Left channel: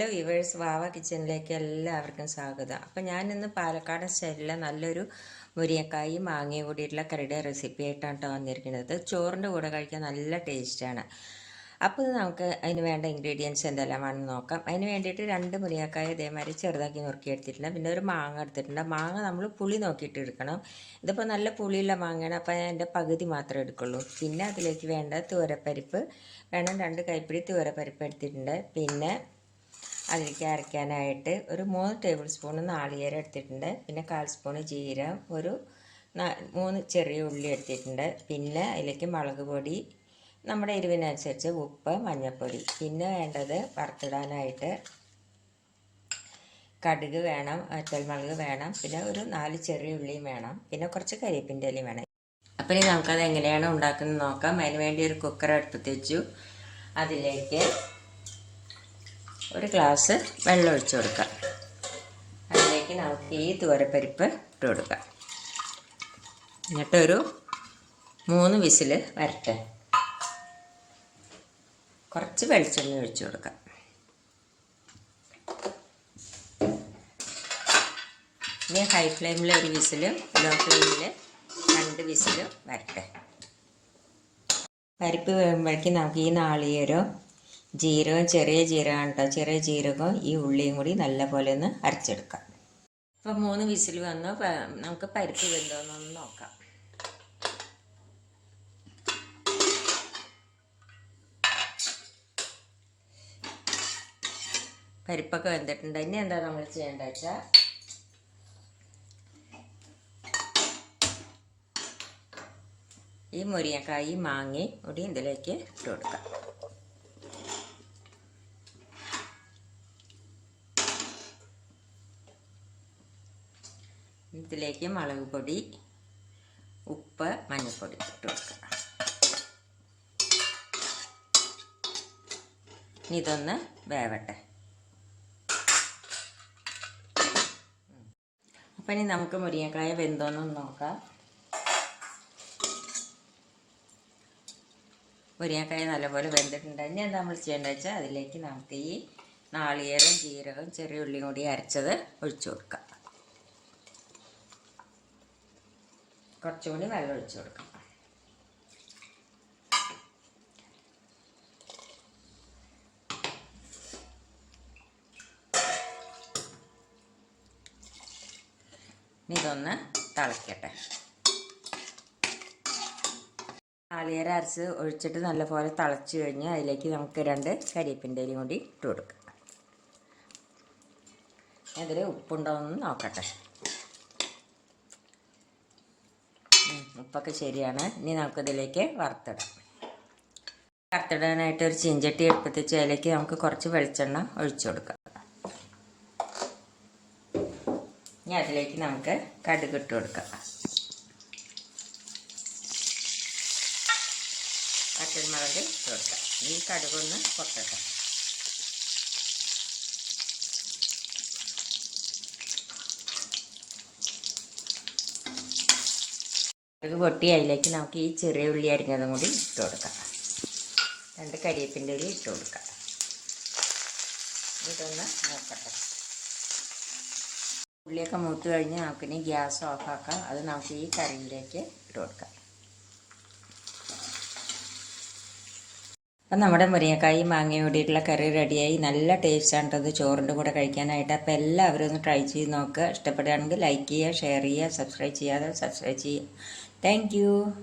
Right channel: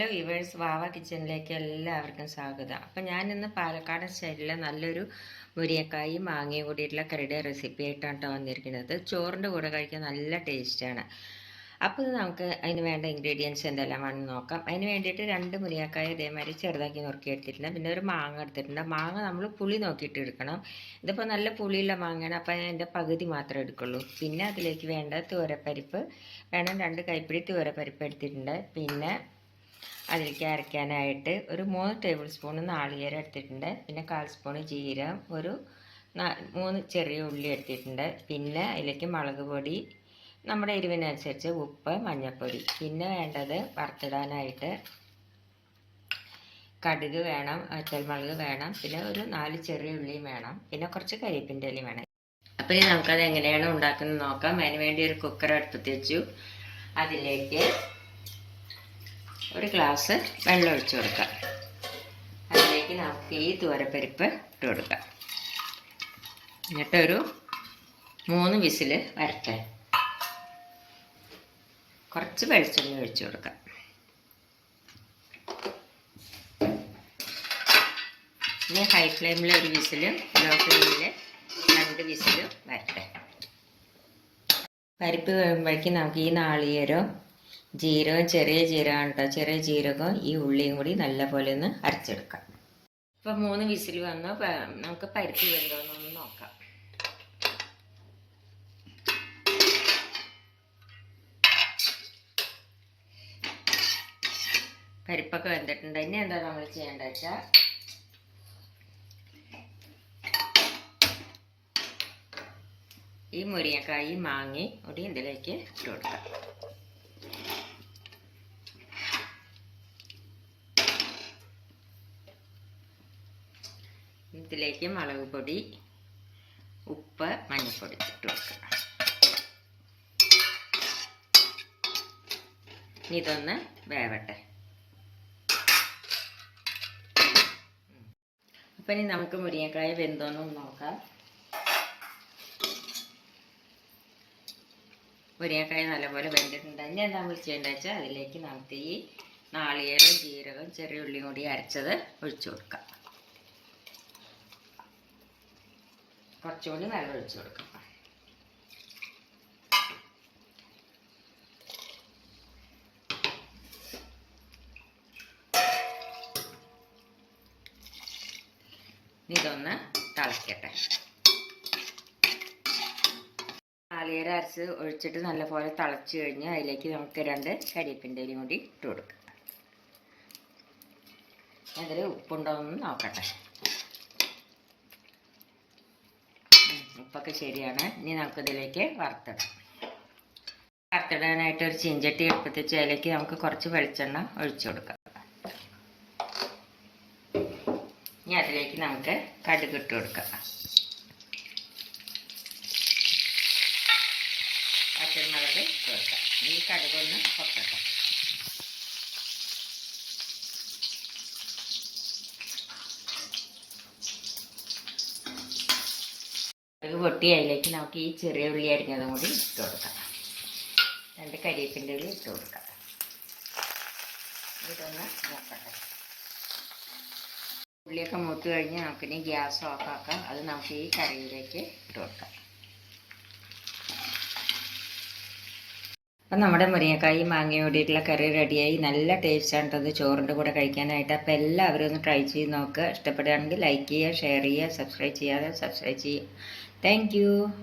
Guys വാവ കിച്ചണിലേക്ക് എല്ലാവർക്കും സ്വാഗതം. അപ്പം ഇന്ന് പാലക്കാട് സ്റ്റൈലിലെ നല്ലൊരു മുരിയക്കായി മാങ്ങയും കൂടിയിട്ടുള്ള കറിയുടെ റെസിപ്പി ആയിട്ടാണ് കേട്ടോ വന്നിരിക്കുന്നത്. ചോറിന്റെ കൂടെ കഴിക്കാൻ നല്ല ടേസ്റ്റാണ് അപ്പോൾ നമുക്ക് അതിന് വേണ്ട ഇൻഗ്രീഡിയൻസ് എന്തെല്ലാമാണെന്ന് നോക്കാം. അതിന് വേണ്ടിയിട്ട് രണ്ട് മുരിങ്ങക്കായ ഇതേമാതിരി ചെറുതാക്കി നുറുക്കി എടുത്തിട്ടുണ്ട്. പിന്നെ ഒരു മാങ്ങ എടുത്തിട്ടുണ്ട്. മാങ്ങ നമ്മൾ പുളി നോക്കിയിട്ട് എടുക്കണം. ഇതിപ്പോൾ നല്ല പുളിയുള്ള മാങ്ങയാണ്. അപ്പോൾ ഞാൻ എന്റെ പകുതി മാത്രമേ എടുക്കുള്ളൂ. പിന്നെ അതിലേക്ക് വേണ്ട തുവരപ്പരിപ്പ് വേണം രണ്ട് കൈപ്പിടി തുവരപ്പരിപ്പ് എടുത്തിട്ടുണ്ട്. പിന്നെ അതിലേക്ക് അരയ്ക്കാനായിട്ട് ഒരു മൂന്ന് ടേബിൾ സ്പൂൺ നാളികേരം എടുത്തിട്ടുണ്ട്. പിന്നെ കാൽ സ്പൂൺ ജീരം ഒരു മൂന്ന് ചെറിയ ഉള്ളി എടുത്തിട്ടുണ്ട്. പിന്നെ അതിലേക്ക് മുളക് പൊടി നമ്മുടെ എരിവിനനുസരിച്ച് ഉപ്പ് മഞ്ഞൾപ്പൊടി. പിന്നെ വേണ്ടത് വറുത്തിടാനായിട്ട് കടുക് വേണം മുളക് വേണം പിന്നെ ഒരു നാല് ചെറിയ ഉള്ളിയും വേണം പിന്നെ കുറച്ച് കരിയേപ്പിന്റെ ഇലയും വേണം. അപ്പം ഇനി നമുക്കത് എങ്ങനെയാണ് ഉണ്ടാക്കുന്നത് നോക്കാം. അതിന് വേണ്ടി ഒരു കുക്കർ അടുപ്പത്ത് വെച്ചു. അതിലേക്ക് ഒരു ഗ്ലാസ് വെള്ളം ഒഴിച്ചു കൊടുക്കുക. അതിലേക്ക് നമുക്ക് ഈ തോരപ്പരിപ്പ് ഇട്ട് കൊടുക്കാം എന്നിട്ടൊരു മൂന്ന് വിസിൽ വരട്ടെ. കുറച്ച് വെളിച്ചെണ്ണ ഒഴിച്ചു കൊടുക്കാം ഇനി ഹൈ ഫ്ലെയിമിൽ ഒരു വിസിൽ ലോ ഫ്ലെയിമിൽ രണ്ട് വിസിൽ വരട്ടെ. പരിപ്പ് വേകുമ്പോഴേക്കും നമുക്ക് ഈ നാളികേരവും ജീരകം ചെറിയ ജീരകം കേട്ടോ ചെറിയ ജീരകം ഈ ഉള്ളിയും കൂടി നല്ലപോലെ ഒന്ന് അരച്ചെടുക്കാം. ഇപ്പം മൂന്ന് വിസിൽ വന്നു. നമുക്ക് പരിപ്പ് വെന്തോന്നൊന്ന് നോക്കാം. പരിപ്പൊക്കെ വെന്തിട്ടുണ്ട്. ഇനി എന്താ നമ്മൾ ചെയ്യേണ്ടത് വെച്ചാൽ ഈ മുരിങ്ങക്കായി മാങ്ങി കൂടി ഇതിലേക്ക് ഇട്ട് കൊടുക്കാം. ഇതിലേക്ക് മുളക് പൊടി ഉപ്പ് മഞ്ഞൾപ്പൊടി ഇട്ട് കൊടുക്കണം ഇതൊന്ന് വേവട്ടെ. അപ്പം ഇനി നമുക്ക് മുരിങ്ങക്കായ വെന്തോന്നൊന്ന് നോക്കാം. മുരിങ്ങക്കായ നല്ലപോലെ വെന്തിട്ടുണ്ട്. ഇനി എന്താ നമ്മൾ ചെയ്യേണ്ടത് വെച്ചാൽ അതിലേക്ക് നമുക്ക് ഈ നാളികേരം ജീരകം ചെറിയ ഉള്ളിയും കൂടി അരച്ചത് ഒഴിച്ചു കൊടുക്കാം. കുറച്ചുകൂടി വെള്ളം ഒഴിച്ചു കൊടുക്കാം ഇതൊന്ന് തിളയ്ക്കട്ടെ അരച്ച് ഒഴിച്ചിട്ട് നല്ലപോലെ തിളച്ച് കഴിഞ്ഞ് അതിലേക്ക് നമുക്ക് രണ്ട് കരിയപ്പിന്റെ കൂടി ഇട്ട് കൊടുക്കാം. അതിൽ ഉപ്പുണ്ടോ എന്ന് നോക്കട്ടെ. ഉപ്പൊക്കെ ശരിയാണ്. ഇനി നമുക്ക് നമുക്കിതിലേക്ക് വറുത്തിടാം. വറുത്തിടാനായിട്ട് ഒരു ചീഞ്ചട്ടി എടുപ്പത്തിച്ച് അതിലേക്ക് നമുക്ക് കുറച്ച് വെളിച്ചെണ്ണ ഒഴിച്ചു കൊടുക്കാം. ഇനി അതിലേക്ക് നമുക്ക് കടുക് ഇട്ട് കൊടുക്കാം. പച്ചമുളക് ഇട്ട് ഈ കടുകൊന്ന് പൊക്കട്ടെ അത് പൊട്ടി അതിലേക്ക് നമുക്ക് ഈ ചെറിയ ഉള്ളി അരിഞ്ഞതും കൂടി ഇട്ട് കൊടുക്കാം. രണ്ട് കരിയേപ്പിന്റെ ഉള്ളി ഇട്ട് കൊടുക്കാം. ഇതൊന്ന് നോക്കട്ടെ ഉള്ളിയൊക്കെ മൂത്ത് കഴിഞ്ഞ് നമുക്കിനി ഗ്യാസ് ഓഫാക്കാം. അത് നമുക്ക് ഈ കറിയിലേക്ക് ഇട്ട് കൊടുക്കാം. അപ്പം നമ്മുടെ മുരിങ്ങക്കായി മാങ്ങയും കൂടിയിട്ടുള്ള കറി റെഡിയായി. നല്ല ടേസ്റ്റാണ് അത് ചോറിന്റെ കൂടെ കഴിക്കാനായിട്ട്. അപ്പോൾ എല്ലാവരും ഒന്ന് ട്രൈ ചെയ്ത് നോക്കുക. ഇഷ്ടപ്പെടുകയാണെങ്കിൽ ലൈക്ക് ചെയ്യുക ഷെയർ ചെയ്യുക സബ്സ്ക്രൈബ് ചെയ്യാതെ സബ്സ്ക്രൈബ് ചെയ്യുക. Thank you.